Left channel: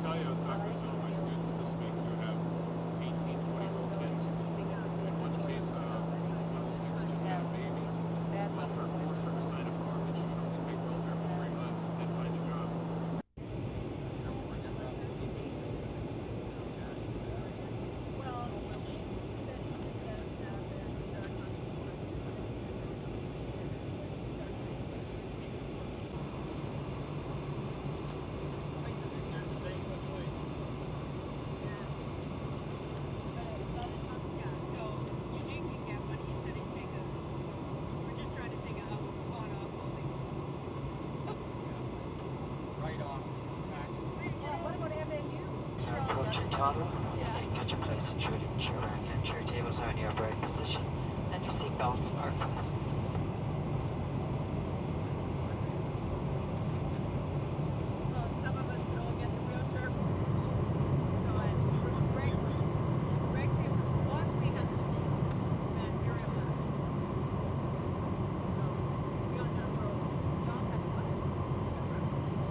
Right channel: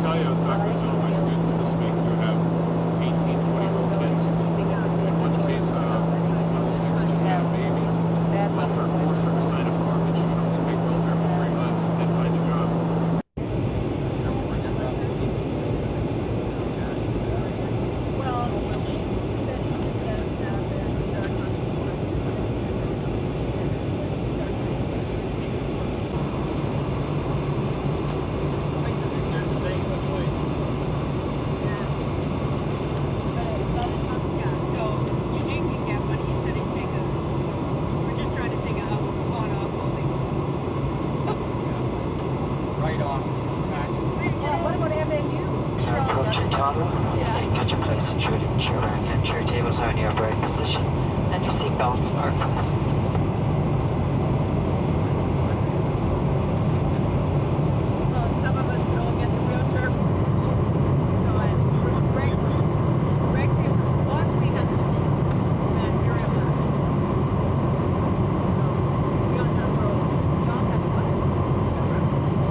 tell you, I was talking to some of my students this week who have 18, 20-year-old kids. In one case, one of the students just had a baby. Welfare forced her to sign a form that she would only take welfare for 3 months and then find a job. Get your place at your chair and chair tables are in your upright position, and your seat belts are fastened. Some of us will get the wheelchair. So Loxley has to and you're able to. We don't have room. John has one.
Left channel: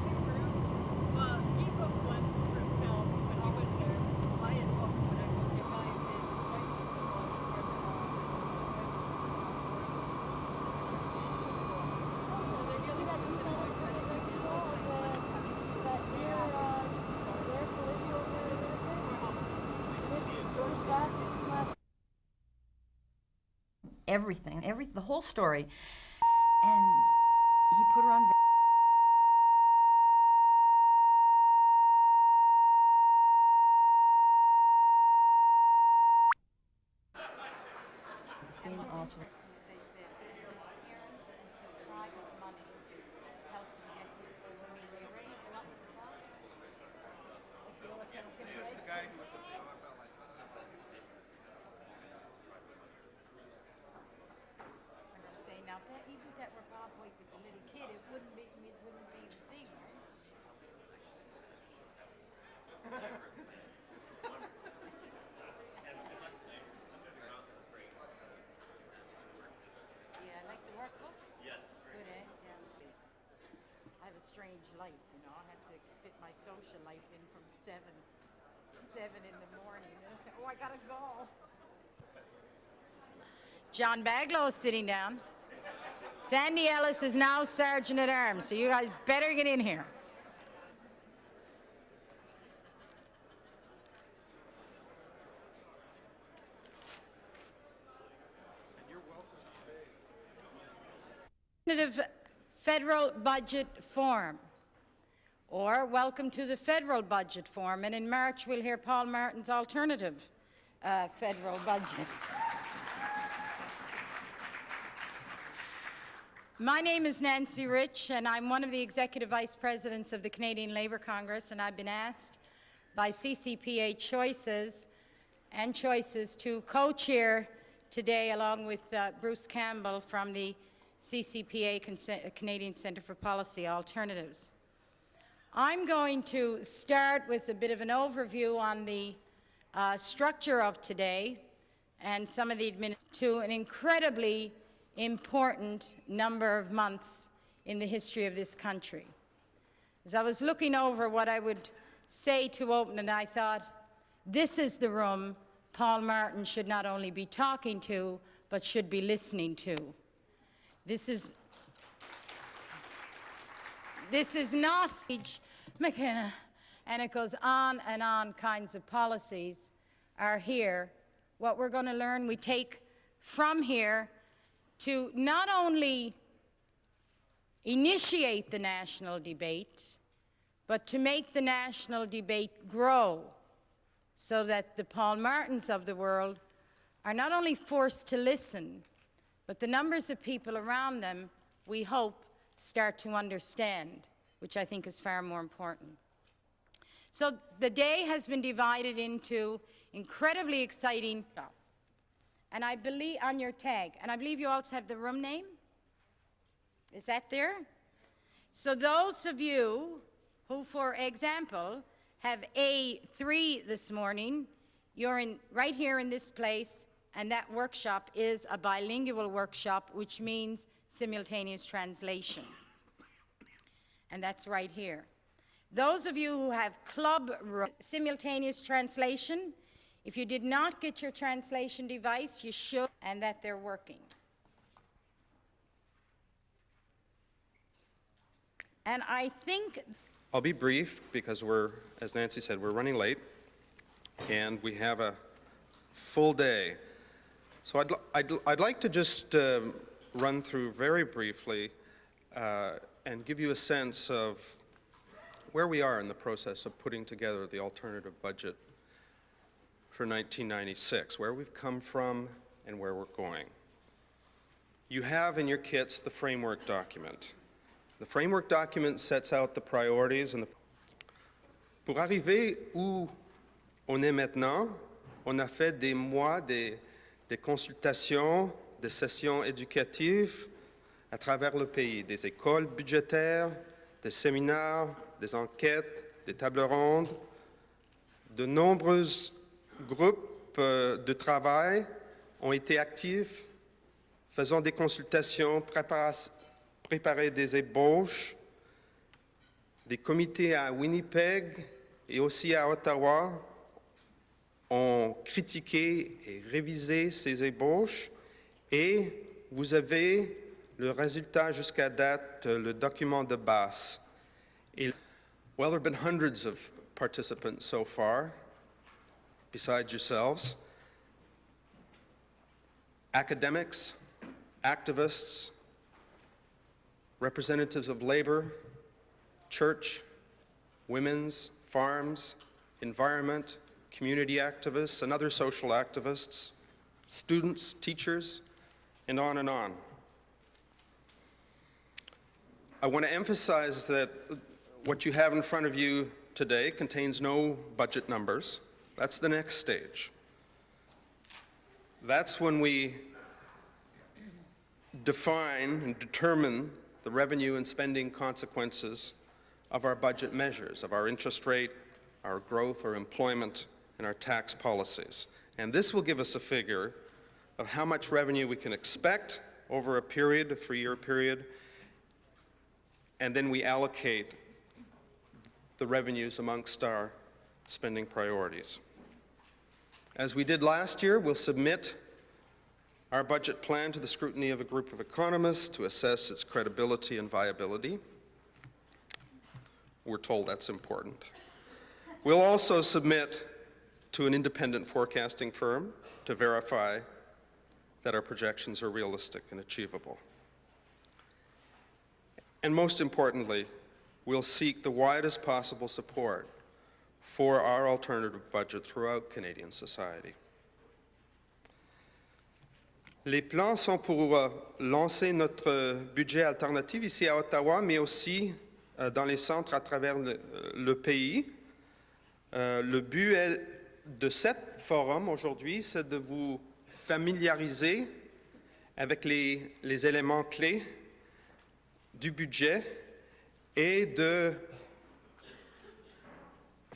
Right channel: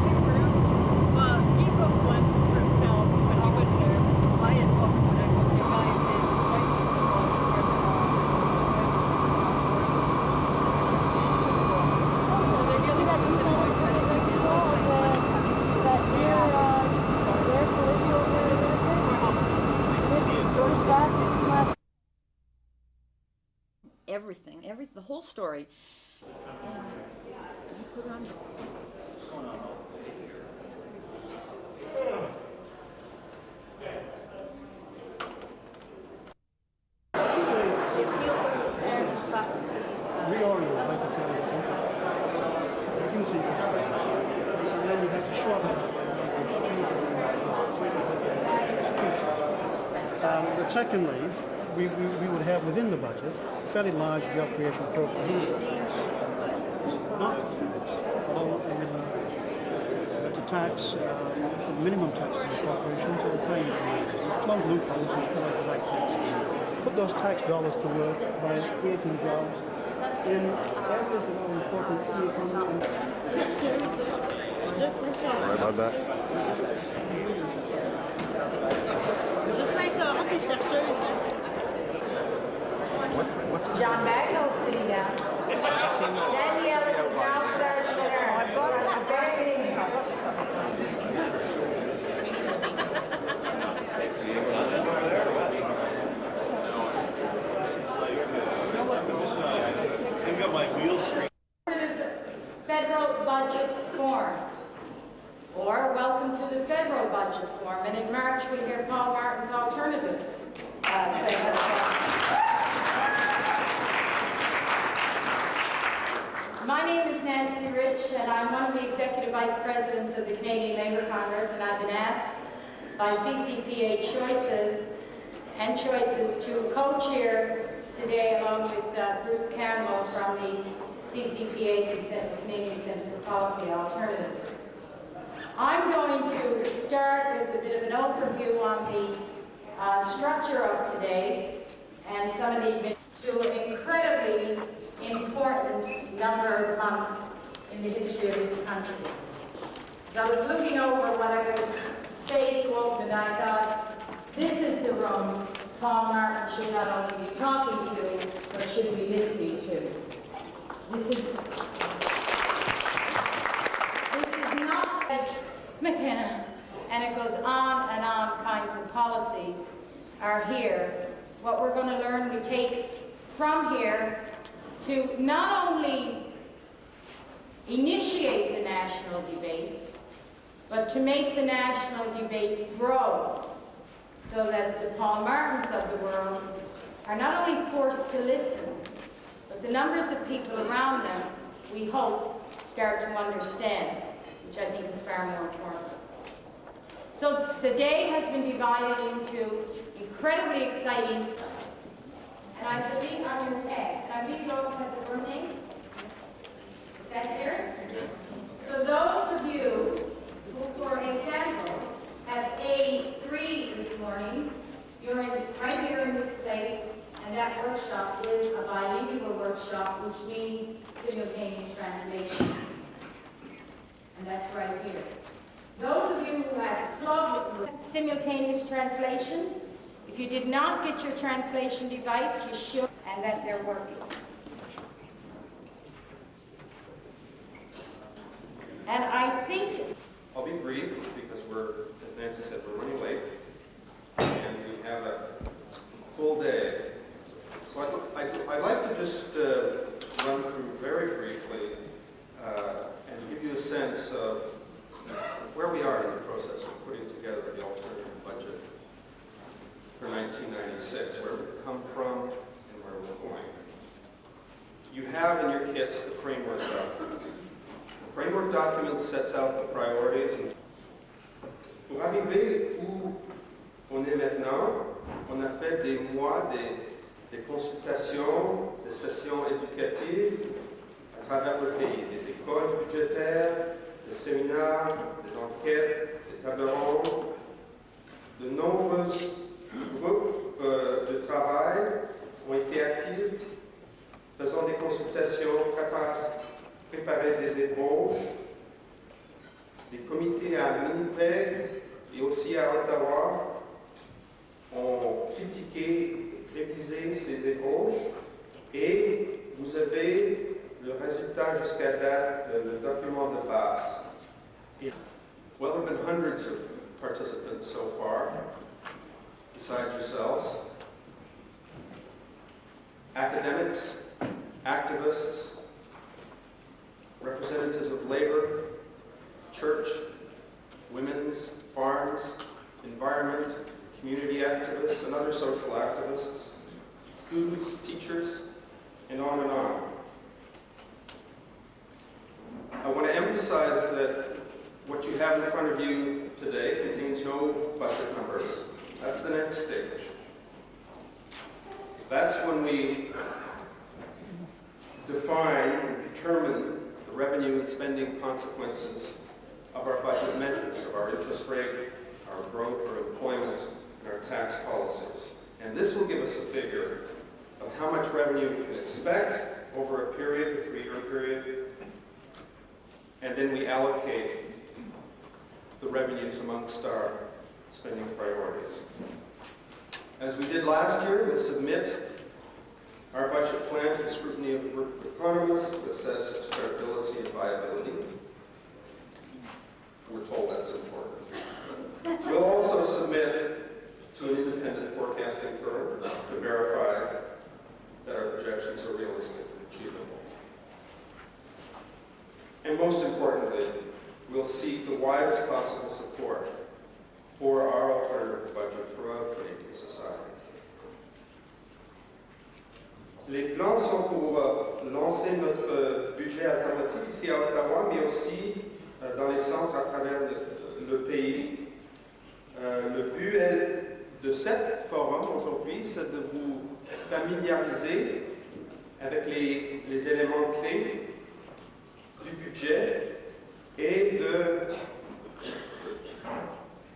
2 rooms. Well, he booked one for himself when he was there. I had booked when I booked the guy in the whole story, and he put her on. But secondly, we would have within the budget a fairly large job creation program. Not but to tax minimum taxes on corporations and paying close loopholes and collect the right taxes. Put those tax dollars to work by creating jobs in areas that are important to the economy. Sorry about that. John Baglow is sitting down. Sandy Ellis is now Sergeant at Arms, so you better get in here. Federal budget form, or welcome to the federal budget form, and in March we'll hear Paul Martin's alternative federal budget. My name is Nancy Rich, and I'm one of the Executive Vice Presidents of the Canadian Labour Congress, and I've been asked by CCPA Choices to co-chair today along with Bruce Campbell from the CCPA, Canadian Centre for Policy Alternatives. I'm going to start with a bit of an overview on the structure of today and some of the to an incredibly important number of months in the history of this country. So I was looking over what I would say to open, and I thought, this is the room Paul Martin should not only be talking to, but should be listening to. This is not like McKenna, and it goes on and on kinds of policies are here. What we're going to learn, we take from here to not only initiate the national debate, but to make the national debate grow so that the Paul Martins of the world are not only forced to listen, but the numbers of people around them, we hope, start to understand, which I think is far more important. So the day has been divided into incredibly exciting, and I believe on your tag, and I believe you also have the room name. Is that there? So those of you who, for example, have A3 this morning, you're right here in this place, and that workshop is a bilingual workshop, which means simultaneous translation. And that's right here. Those of you who had club simultaneous translation, if you did not get your translation device, you should, and that they're working. And I think... I'll be brief because as Nancy said, we're running late and we have a full day. So I'd like to just run through very briefly and give you a sense of where we are in the process of putting together the alternative budget for 1996, where we've come from and where we're going. You have in your kits the framework document. The framework document sets out the priorities, and pour arriver où on est maintenant, on a fait des mois des consultations, des sessions éducatives à travers le pays, des écoles budgétaires, des séminaires, des enquêtes, des tables rondes. De nombreux groupes de travail ont été actifs, faisant des consultations, préparer des ébauches. Des comités à Winnipeg et aussi à Ottawa ont critiqué et révisé ces ébauches, et vous avez le résultat jusqu'à date, le document de base. Well, there have been hundreds of participants so far, besides yourselves. Academics, activists, representatives of labor, church, women's, farms, environment, community activists, and other social activists, students, teachers, and on and on. I want to emphasize that what you have in front of you today contains no budget numbers. That's the next stage. That's when we define and determine the revenue and spending consequences of our budget measures, of our interest rate, our growth, our employment, and our tax policies. And this will give us a figure of how much revenue we can expect over a period, a 3-year period, and then we allocate the revenues amongst our spending priorities. As we did last year, we'll submit our budget plan to the scrutiny of a group of economists to assess its credibility and viability. We're told that's important. We'll also submit to an independent forecasting firm to verify that our projections are realistic and achievable. And most importantly, we'll seek the widest possible support for our alternative budget throughout Canadian society. Les plans sont pour lancer notre budget alternatif ici à Ottawa, mais aussi dans les centres à travers le pays. Le but de cet forum aujourd'hui, c'est de vous familiariser avec les éléments clés du budget et de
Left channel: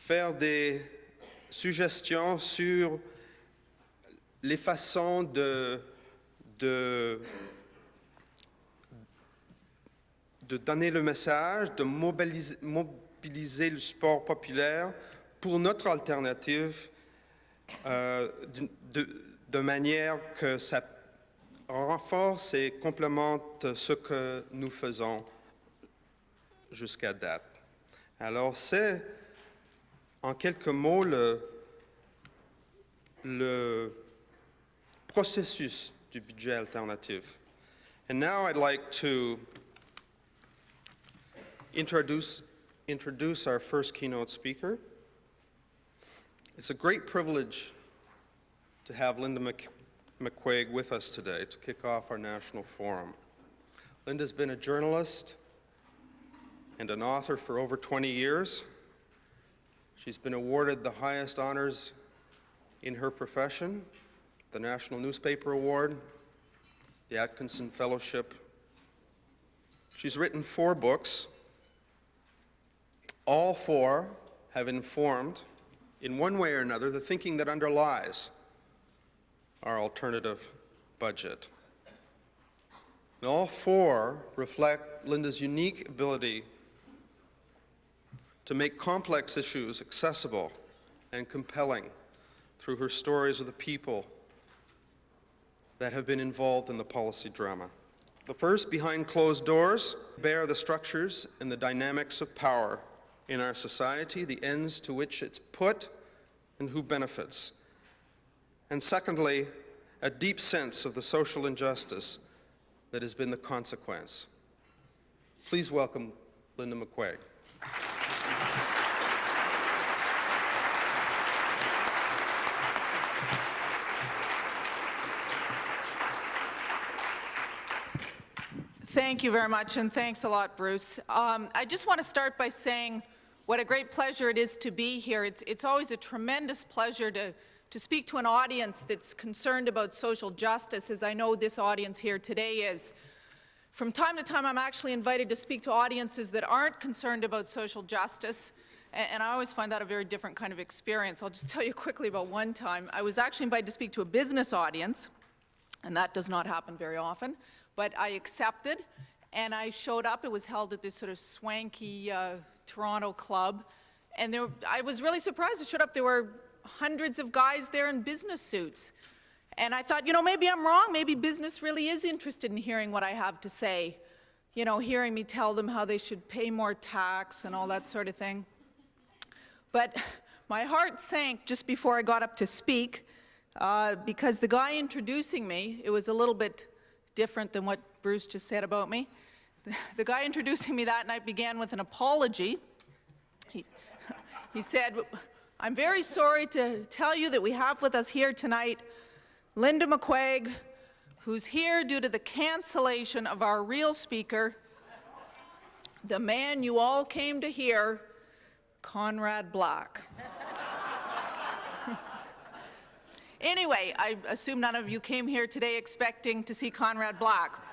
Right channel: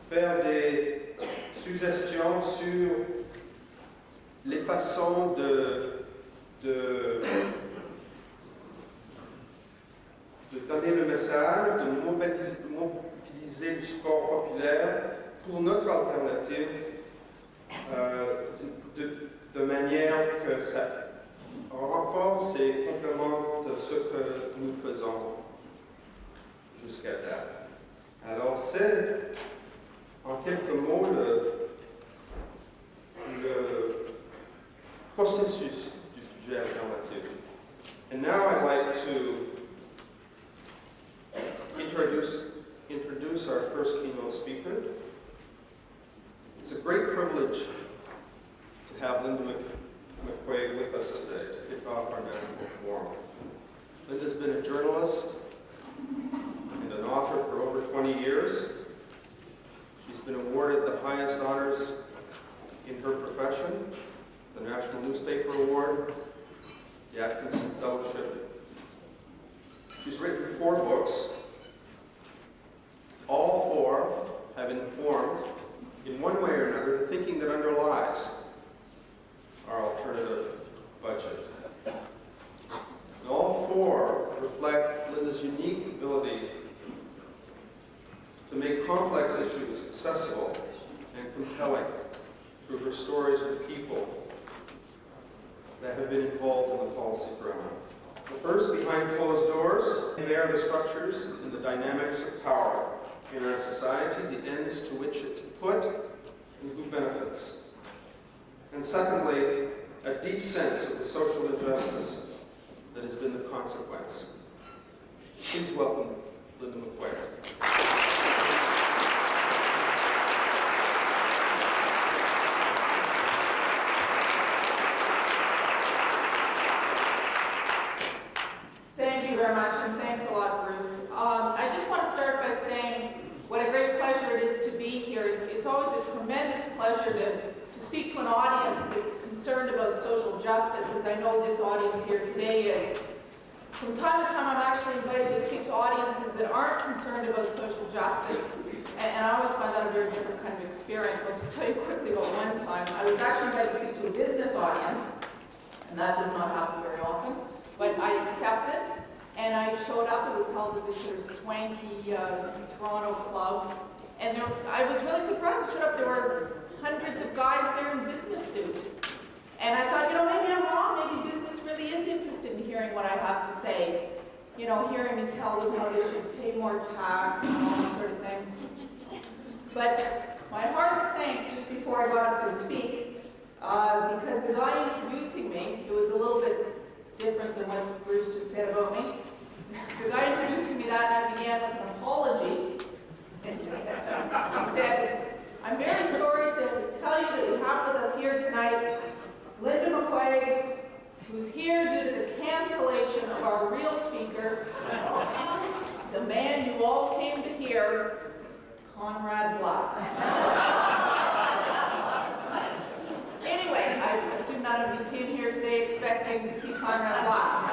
faire des suggestions sur les façons de donner le message, de mobiliser le support populaire pour notre alternative de manière que ça renforce et complémente ce que nous faisons jusqu'à date. Alors c'est en quelques mots le processus du budget alternatif. And now I'd like to introduce our first keynote speaker. It's a great privilege to have Linda McQuaig with us today to kick off our national forum. Linda's been a journalist and an author for over 20 years. She's been awarded the highest honors in her profession, the National Newspaper Award, the Atkinson Fellowship. She's written 4 books. All 4 have informed, in one way or another, the thinking that underlies our alternative budget. And all 4 reflect Linda's unique ability to make complex issues accessible and compelling through her stories of the people that have been involved in the policy drama. But first, behind closed doors, bear the structures and the dynamics of power in our society, the ends to which it's put, and who benefits. And secondly, a deep sense of the social injustice that has been the consequence. Please welcome Linda McQuaig. Thank you very much, and thanks a lot, Bruce. I just want to start by saying what a great pleasure it is to be here. It's always a tremendous pleasure to speak to an audience that's concerned about social justice, as I know this audience here today is. From time to time, I'm actually invited to speak to audiences that aren't concerned about social justice, and I always find that a very different kind of experience. I'll just tell you quickly about one time. I was actually invited to speak to a business audience, and that does not happen very often, but I accepted, and I showed up. It was held at this sort of swanky Toronto club, and I was really surprised. I showed up, there were hundreds of guys there in business suits. And I thought, maybe I'm wrong. Maybe business really is interested in hearing what I have to say. Hearing me tell them how they should pay more tax and all that sort of thing. But my heart sank just before I got up to speak because the guy introducing me, it was a little bit different than what Bruce just said about me. The guy introducing me that night began with an apology. He said, "I'm very sorry to tell you that we have with us here tonight Linda McQuaig, who's here due to the cancellation of our real speaker, the man you all came to hear, Conrad Black." Anyway, I assume none of you came here today expecting to see Conrad Black.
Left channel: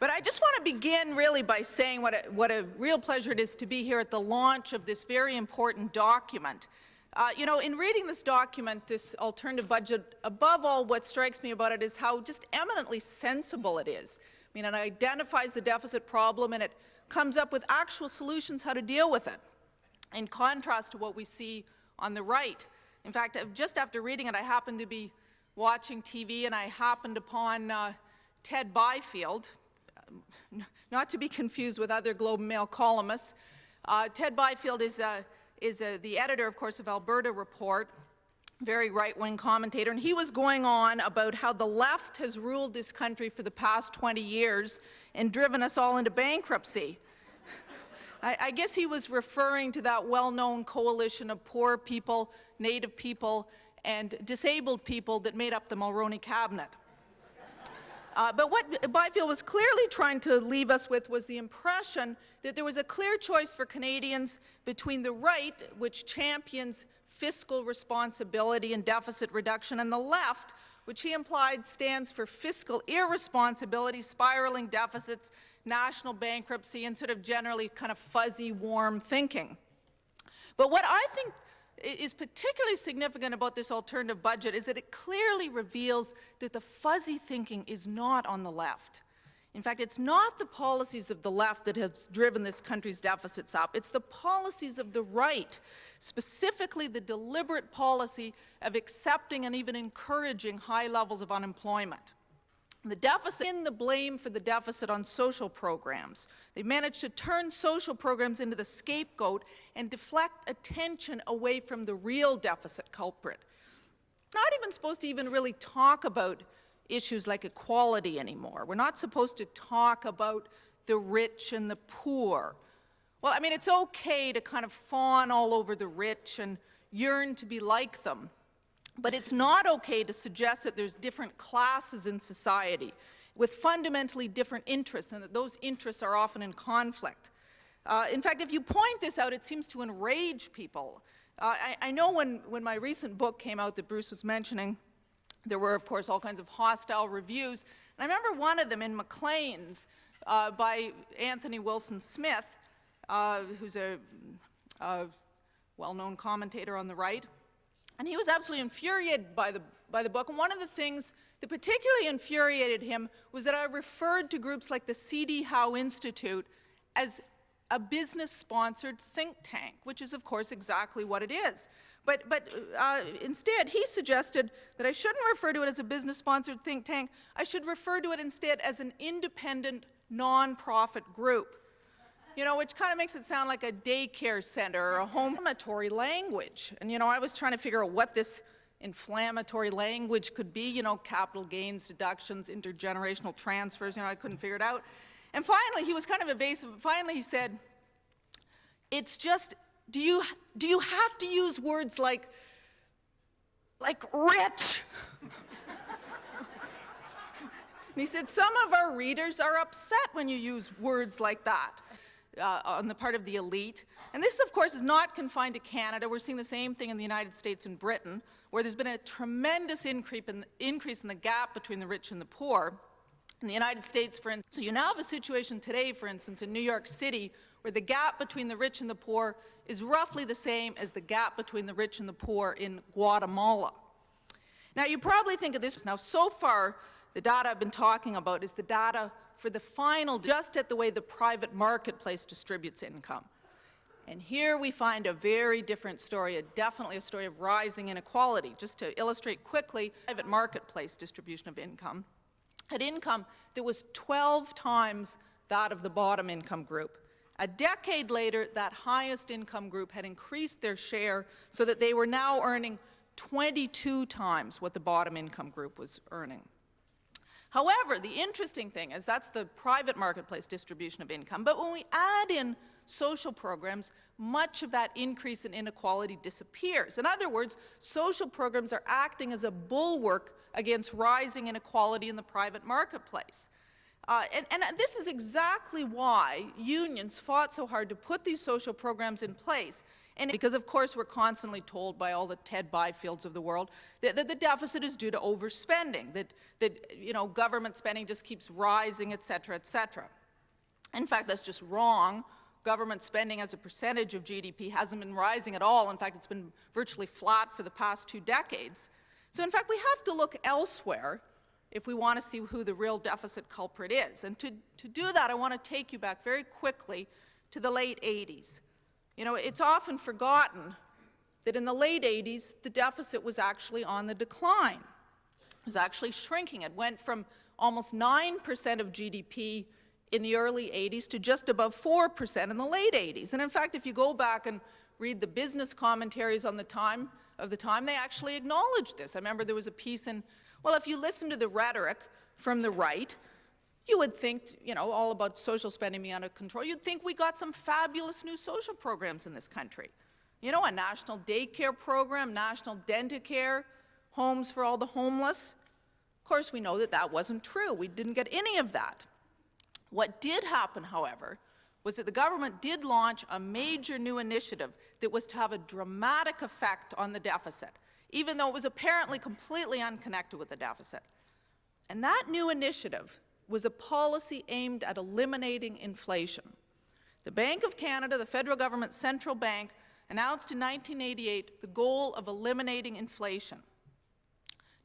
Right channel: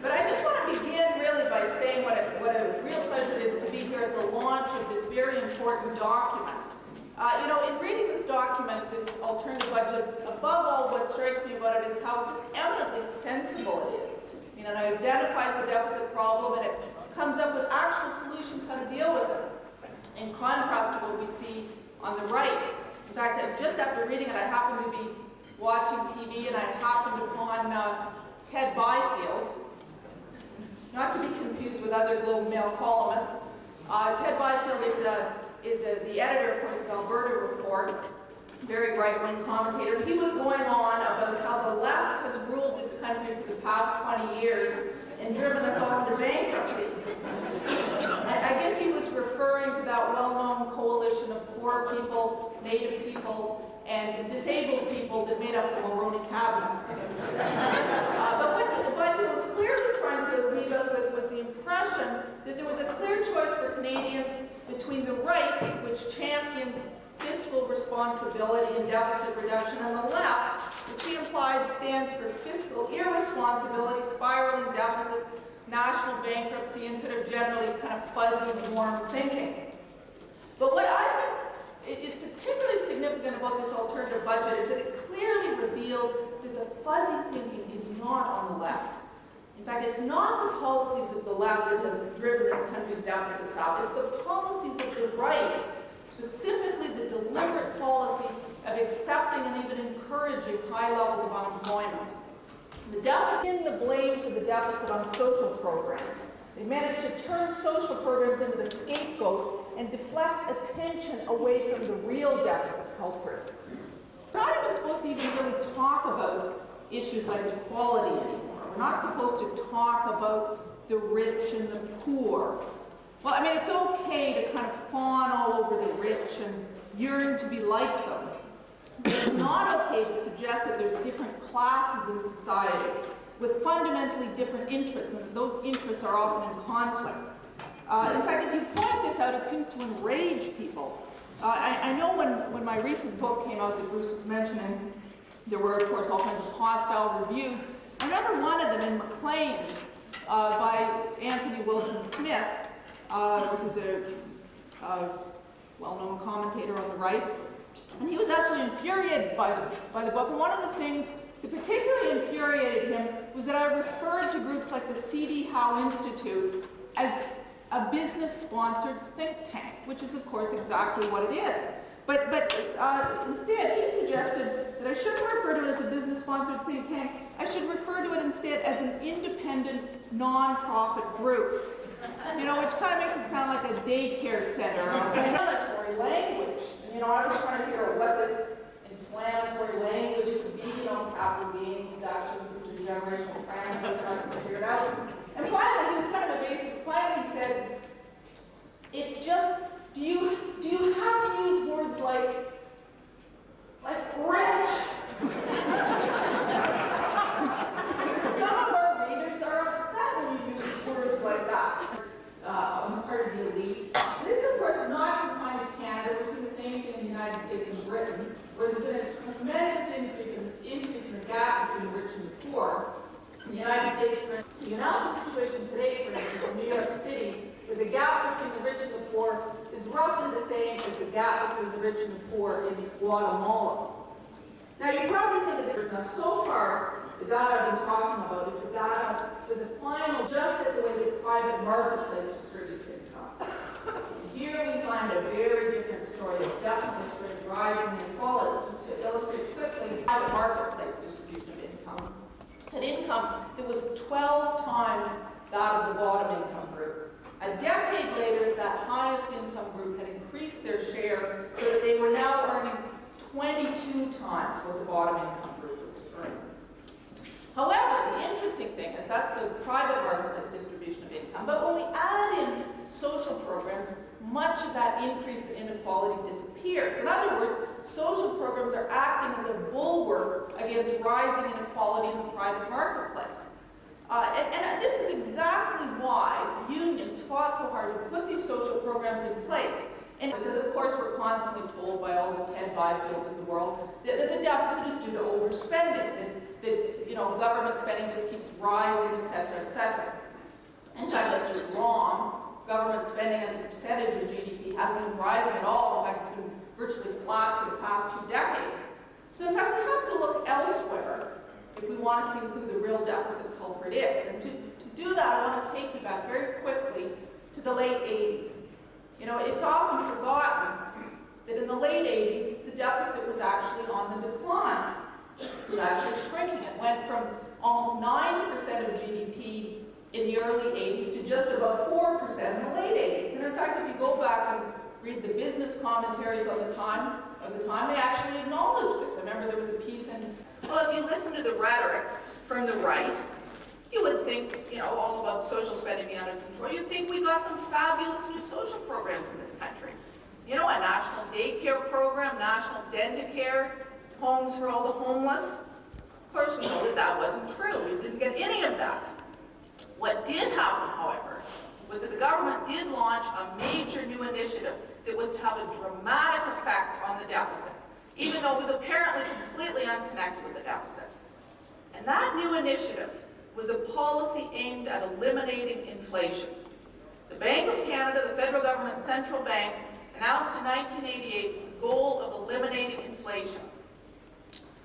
But I just want to begin really by saying what a real pleasure it is to be here at the launch of this very important document. In reading this document, this alternative budget, above all, what strikes me about it is how just eminently sensible it is. It identifies the deficit problem and it comes up with actual solutions how to deal with it, in contrast to what we see on the right. In fact, just after reading it, I happened to be watching TV and I happened upon Ted Byfield, not to be confused with other Globe and Mail columnists. Ted Byfield is the editor, of course, of Alberta Report, very right-wing commentator. And he was going on about how the left has ruled this country for the past 20 years and driven us all into bankruptcy. I guess he was referring to that well-known coalition of poor people, Native people, and disabled people that made up the Mulroney cabinet. But what Byfield was clearly trying to leave us with was the impression that there was a clear choice for Canadians between the right, which champions fiscal responsibility and deficit reduction, and the left, which he implied stands for fiscal irresponsibility, spiraling deficits, national bankruptcy, and sort of generally kind of fuzzy, warm thinking. But what I think is particularly significant about this alternative budget is that it clearly reveals that the fuzzy thinking is not on the left. In fact, it's not the policies of the left that have driven this country's deficits up. It's the policies of the right, specifically the deliberate policy of accepting and even encouraging high levels of unemployment. The deficit, in the blame for the deficit on social programs. They managed to turn social programs into the scapegoat and deflect attention away from the real deficit culprit. We're not even supposed to even really talk about issues like equality anymore. We're not supposed to talk about the rich and the poor. Well, it's okay to kind of fawn all over the rich and yearn to be like them. But it's not okay to suggest that there's different classes in society with fundamentally different interests, and that those interests are often in conflict. In fact, if you point this out, it seems to enrage people. I know when my recent book came out that Bruce was mentioning, there were, of course, all kinds of hostile reviews. I remember one of them in Maclean's by Anthony Wilson Smith, who's a well-known commentator on the right. And he was absolutely infuriated by the book. And one of the things that particularly infuriated him was that I referred to groups like the C.D. Howe Institute as a business-sponsored think tank, which is, of course, exactly what it is. But instead, he suggested that I shouldn't refer to it as a business-sponsored think tank. I should refer to it instead as an independent, non-profit group. You know, which kind of makes it sound like a daycare center or inflammatory language. And, you know, I was trying to figure out what this inflammatory language could be, you know, capital gains deductions, intergenerational transfers, and I couldn't figure it out. And finally, he was kind of evasive. Finally, he said, it's just, do you have to use words like rich? He said, some of our readers are upset when you use words like that on the part of the elite. And this, of course, is not confined to Canada. We're seeing the same thing in the United States and Britain, where there's been a tremendous increase in the gap between the rich and the poor. In the United States, for instance, so you now have a situation today, for instance, in New York City, where the gap between the rich and the poor is roughly the same as the gap between the rich and the poor in Guatemala. Now, you probably think of this, now so far, the data I've been talking about is the data for the final, just at the way the private marketplace distributes income. And here we find a very different story, it's definitely a story of rising inequality. Just to illustrate quickly, the private marketplace distribution of income had income that was 12 times that of the bottom income group. A decade later, that highest income group had increased their share so that they were now earning 22 times what the bottom income group was earning. However, the interesting thing is that's the private marketplace distribution of income, but when we add in social programs, much of that increase in inequality disappears. In other words, social programs are acting as a bulwark against rising inequality in the private marketplace. And this is exactly why unions fought so hard to put these social programs in place. And because, of course, we're constantly told by all the Ted Byfields of the world that the deficit is due to overspending, that you know, government spending just keeps rising, et cetera, et cetera. In fact, that's just wrong. Government spending as a percentage of GDP hasn't been rising at all. In fact, it's been virtually flat for the past 2 decades. So, in fact, we have to look elsewhere if we want to see who the real deficit culprit is. And to do that, I want to take you back very quickly to the late 80s. You know, it's often forgotten that in the late 80s, the deficit was actually on the decline. It was actually shrinking. It went from almost 9% of GDP in the early 80s to just above 4% in the late 80s. And in fact, if you go back and read the business commentaries on the time, they actually acknowledged this. I remember there was a piece in, well, if you listen to the rhetoric from the right, you would think, you know, all about social spending being under control. You'd think we got some fabulous new social programs in this country. You know, a national daycare program, national dental care, homes for all the homeless. Of course, we know that that wasn't true. We didn't get any of that. What did happen, however, was that the government did launch a major new initiative that was to have a dramatic effect on the deficit, even though it was apparently completely unconnected with the deficit. And that new initiative was a policy aimed at eliminating inflation. The Bank of Canada, the federal government's central bank, announced in 1988 the goal of eliminating inflation.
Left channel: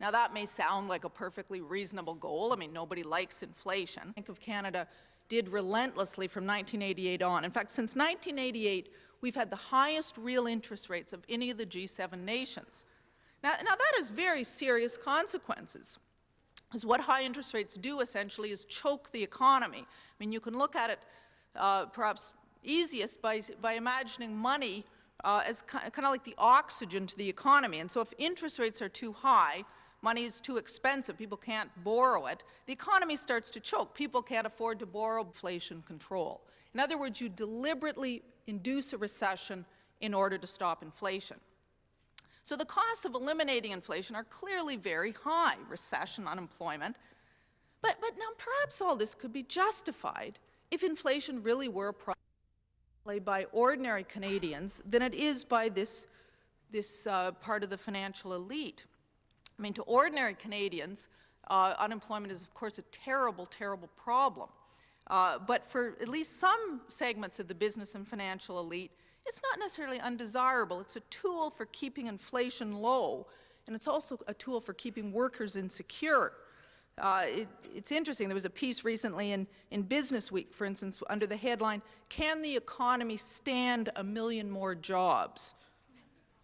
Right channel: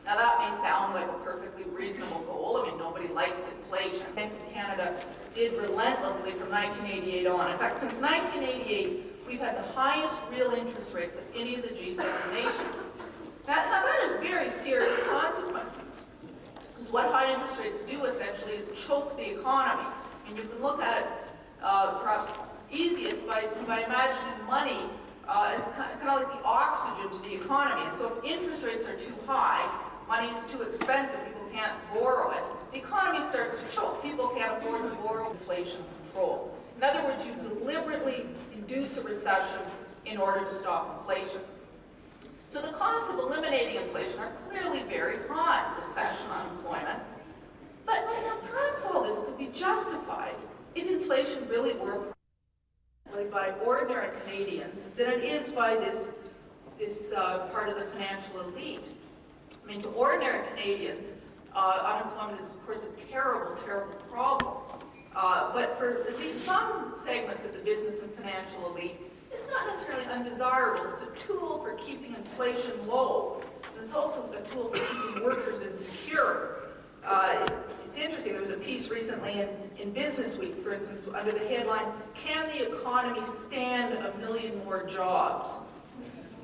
Now that may sound like a perfectly reasonable goal. I mean, nobody likes inflation. The Bank of Canada did relentlessly from 1988 on. In fact, since 1988, we've had the highest real interest rates of any of the G7 nations. Now that has very serious consequences. Because what high interest rates do essentially is choke the economy. I mean, you can look at it perhaps easiest by imagining money as kind of like the oxygen to the economy. And so if interest rates are too high, money is too expensive, people can't borrow it, the economy starts to choke. People can't afford to borrow. Inflation control. In other words, you deliberately induce a recession in order to stop inflation. So the costs of eliminating inflation are clearly very high, recession, unemployment. But perhaps all this could be justified if inflation really were played by ordinary Canadians than it is by this part of the financial elite. I mean, to ordinary Canadians, unemployment is, of course, a terrible, terrible problem. But for at least some segments of the business and financial elite, it's not necessarily undesirable. It's a tool for keeping inflation low, and it's also a tool for keeping workers insecure. it's interesting, there was a piece recently in Business Week, for instance, under the headline, "Can the economy stand 1 million more jobs?"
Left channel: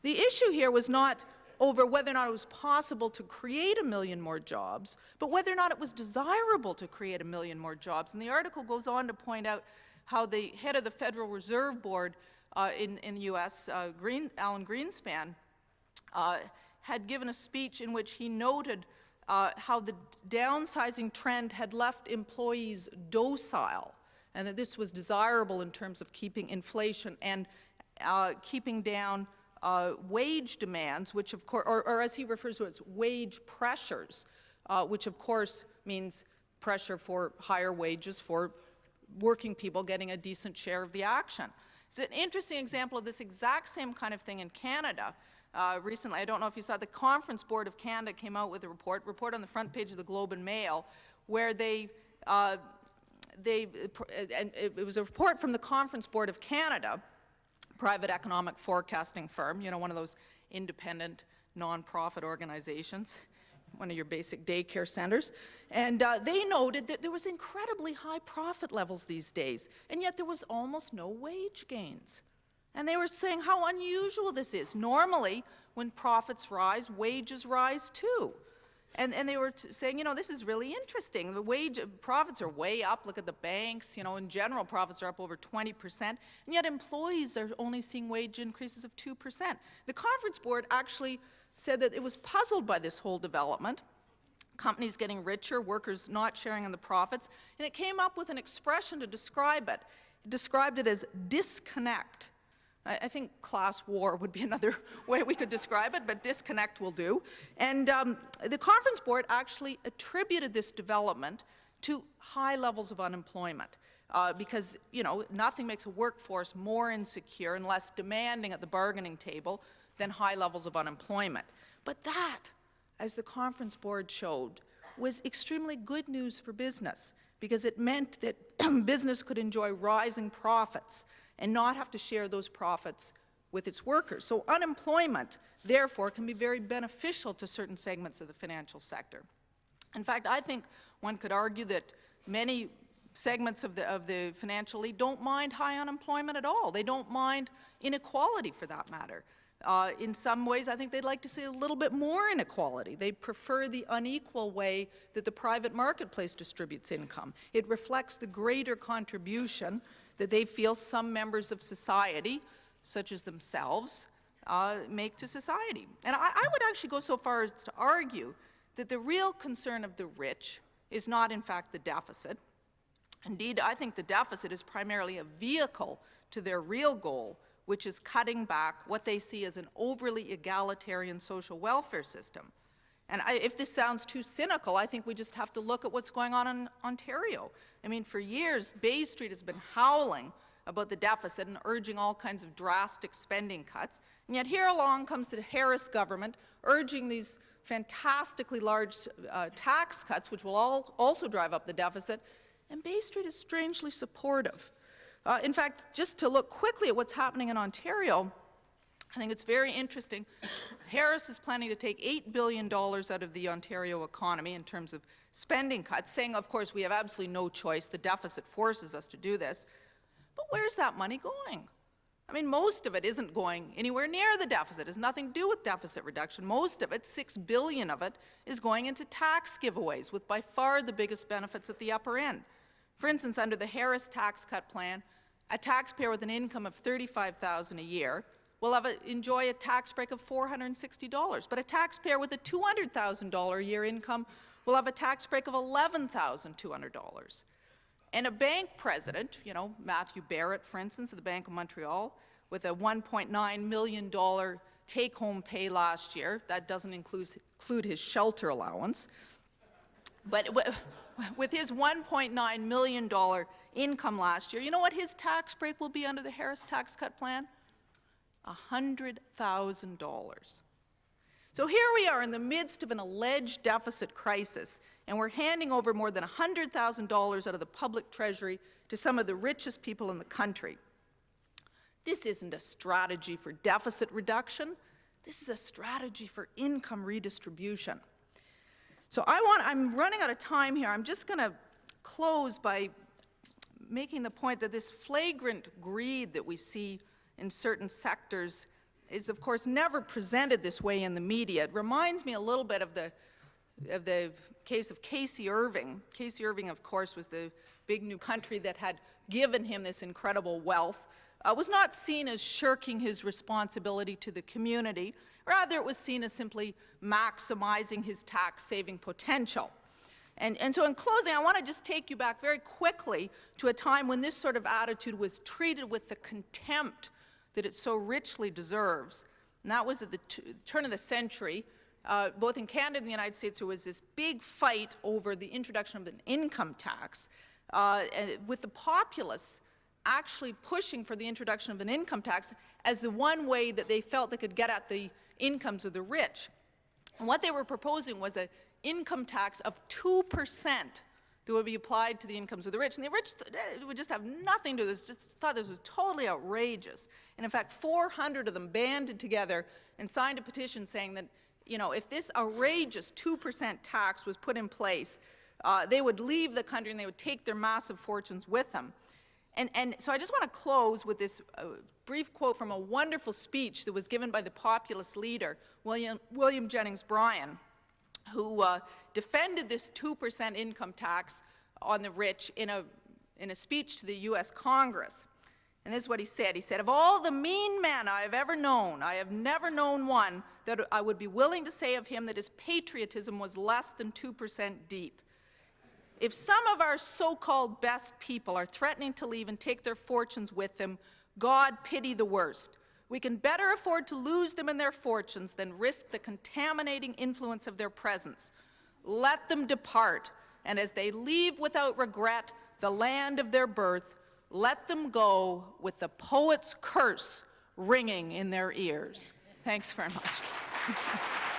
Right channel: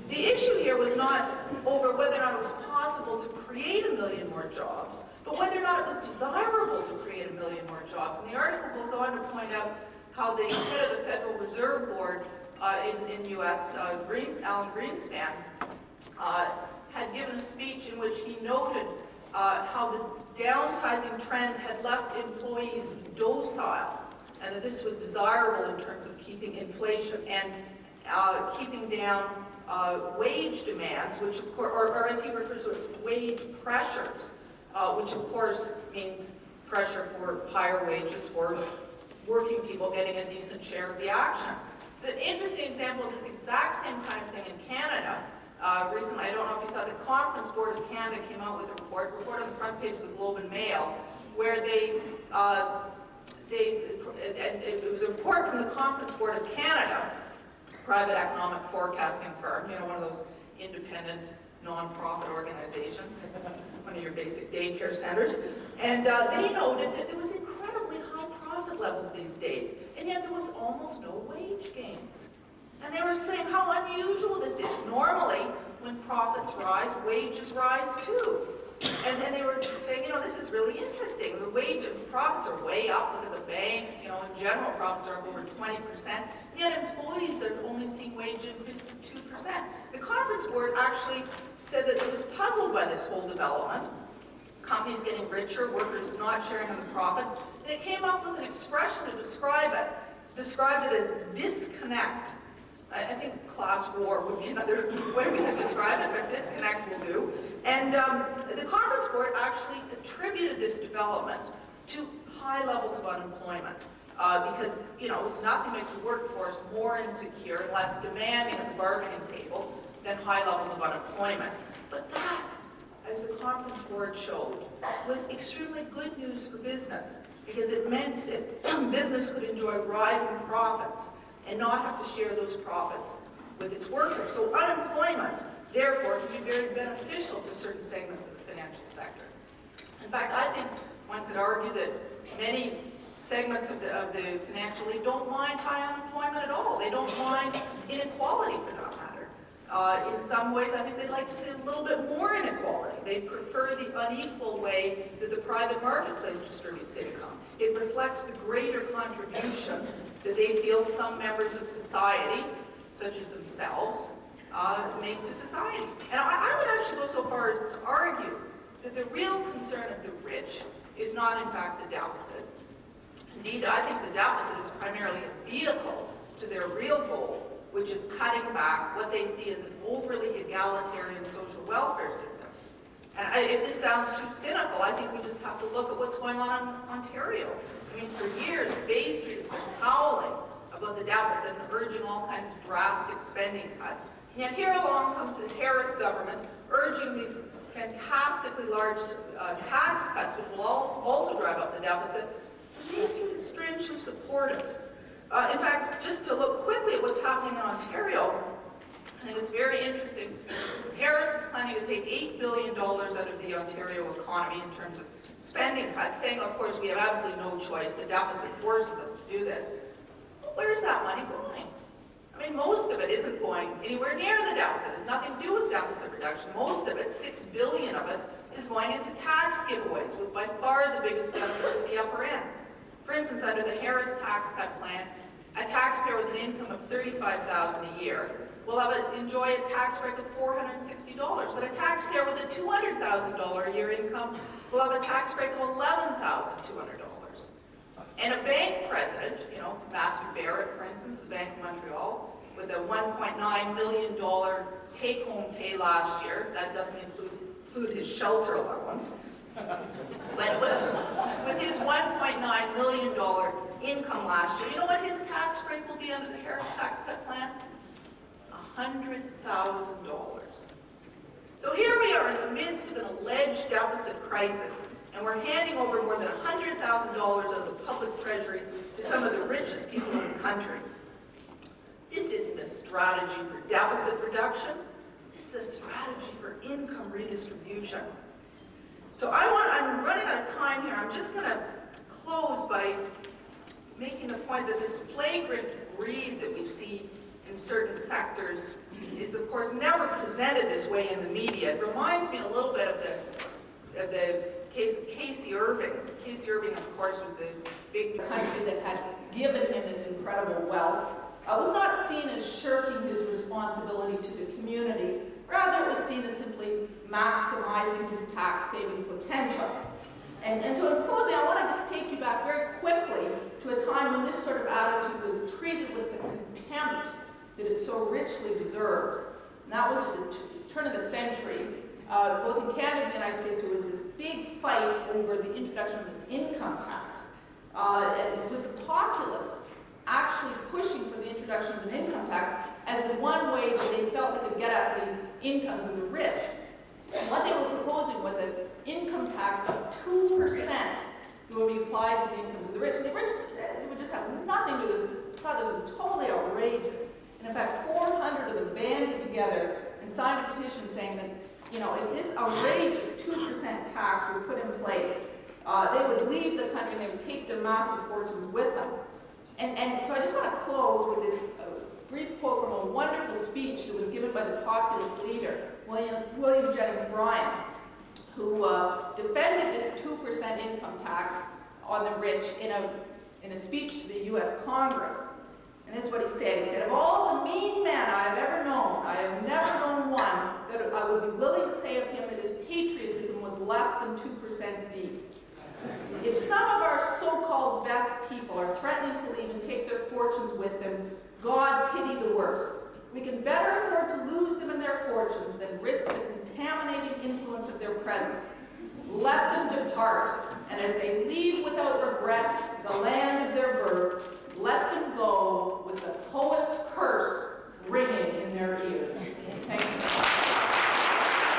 The issue here was not over whether or not it was possible to create 1 million more jobs, but whether or not it was desirable to create 1 million more jobs. And the article goes on to point out how the head of the Federal Reserve Board in U.S., Alan Greenspan, had given a speech in which he noted how the downsizing trend had left employees docile, and that this was desirable in terms of keeping inflation and keeping down wage demands, which of course, or as he refers to it, wage pressures, which of course means pressure for higher wages for working people getting a decent share of the action. It's an interesting example of this exact same kind of thing in Canada. Recently, I don't know if you saw, the Conference Board of Canada came out with a report on the front page of the Globe and Mail, where it was a report from the Conference Board of Canada, private economic forecasting firm, you know, one of those independent non-profit organizations, one of your basic daycare centers, and they noted that there was incredibly high profit levels these days, and yet there was almost no wage gains. And they were saying how unusual this is. Normally, when profits rise, wages rise too. And they were saying, you know, this is really interesting. The profits are way up. Look at the banks, you know, in general, profits are up over 20%. And yet employees are only seeing wage increases of 2%. The Conference Board actually said that it was puzzled by this whole development. Companies getting richer, workers not sharing the profits. And it came up with an expression to describe it. Described it as disconnect. I think class war would be another way we could describe it, but disconnect will do. And the Conference Board actually attributed this development to high levels of unemployment because, you know, nothing makes the workforce more insecure and less demanding at the bargaining table than high levels of unemployment. But that, as the Conference Board showed, was extremely good news for business because it meant that business could enjoy rising profits and not have to share those profits with its workers. So unemployment, therefore, can be very beneficial to certain segments of the financial sector. In fact, I think one could argue that many segments of the financial elite don't mind high unemployment at all. They don't mind inequality, for that matter. In some ways, I think they'd like to see a little bit more inequality. They prefer the unequal way that the private marketplace distributes income. It reflects the greater contribution that they feel some members of society, such as themselves, make to society. And I would actually go so far as to argue that the real concern of the rich is not, in fact, the deficit. Indeed, I think the deficit is primarily a vehicle to their real goal, which is cutting back what they see as an overly egalitarian social welfare system. And if this sounds too cynical, I think we just have to look at what's going on in Ontario. I mean, for years, Bay Street has been howling about the deficit and urging all kinds of drastic spending cuts. And yet here along comes the Harris government urging these fantastically large tax cuts, which will also drive up the deficit, and Bay Street is strangely supportive. In fact, just to look quickly at what's happening in Ontario, I think it's very interesting. Harris is planning to take $8 billion out of the Ontario economy in terms of spending cuts, saying, of course, we have absolutely no choice. The deficit forces us to do this. But where's that money going? I mean, most of it isn't going anywhere near the deficit. It has nothing to do with deficit reduction. Most of it, $6 billion of it, is going into tax giveaways, with by far the biggest benefit at the upper end. For instance, under the Harris tax cut plan, a taxpayer with an income of $35,000 a year will enjoy a tax break of $460, but a taxpayer with a $200,000 a year income will have a tax break of $11,200. And a bank president, you know, Matthew Barrett, for instance, the Bank of Montreal, with a $1.9 million take-home pay last year, that doesn't include his shelter allowance, but with his $1.9 million income last year, you know what his tax break will be under the Harris tax cut plan? $100,000. So here we are in the midst of an alleged deficit crisis, and we're handing over more than $100,000 of the public treasury to some of the richest people in the country. This isn't a strategy for deficit reduction. This is a strategy for income redistribution. So I'm running out of time here. I'm just going to close by making the point that this flagrant greed that we see in certain sectors is, of course, never presented this way in the media. It reminds me a little bit of the case of Casey Irving. Casey Irving, of course, was the big new country that had given him this incredible wealth. Was not seen as shirking his responsibility to the community. Rather, it was seen as simply maximizing his tax-saving potential. And so in closing, I want to just take you back very quickly to a time when this sort of attitude was treated with the contempt that it so richly deserves. And that was at the turn of the century. Both in Canada and the United States, there was this big fight over the introduction of an income tax, with the populace actually pushing for the introduction of an income tax as the one way that they felt they could get at the incomes of the rich. And what they were proposing was an income tax of 2% that would be applied to the incomes of the rich. And the rich would just have nothing to this, just thought this was totally outrageous. And in fact, 400 of them banded together and signed a petition saying that, you know, if this outrageous 2% tax was put in place, they would leave the country and they would take their massive fortunes with them. And so I just want to close with this brief quote from a wonderful speech that was given by the populist leader, William Jennings Bryan, who defended this 2% income tax on the rich in a speech to the U.S. Congress. And this is what he said. He said, "Of all the mean men I have ever known, I have never known one that I would be willing to say of him that his patriotism was less than 2% deep. If some of our so-called best people are threatening to leave and take their fortunes with them, God pity the worst. We can better afford to lose them and their fortunes than risk the contaminating influence of their presence. Let them depart, and as they leave without regret the land of their birth, let them go with the poet's curse ringing in their ears." Thanks very much.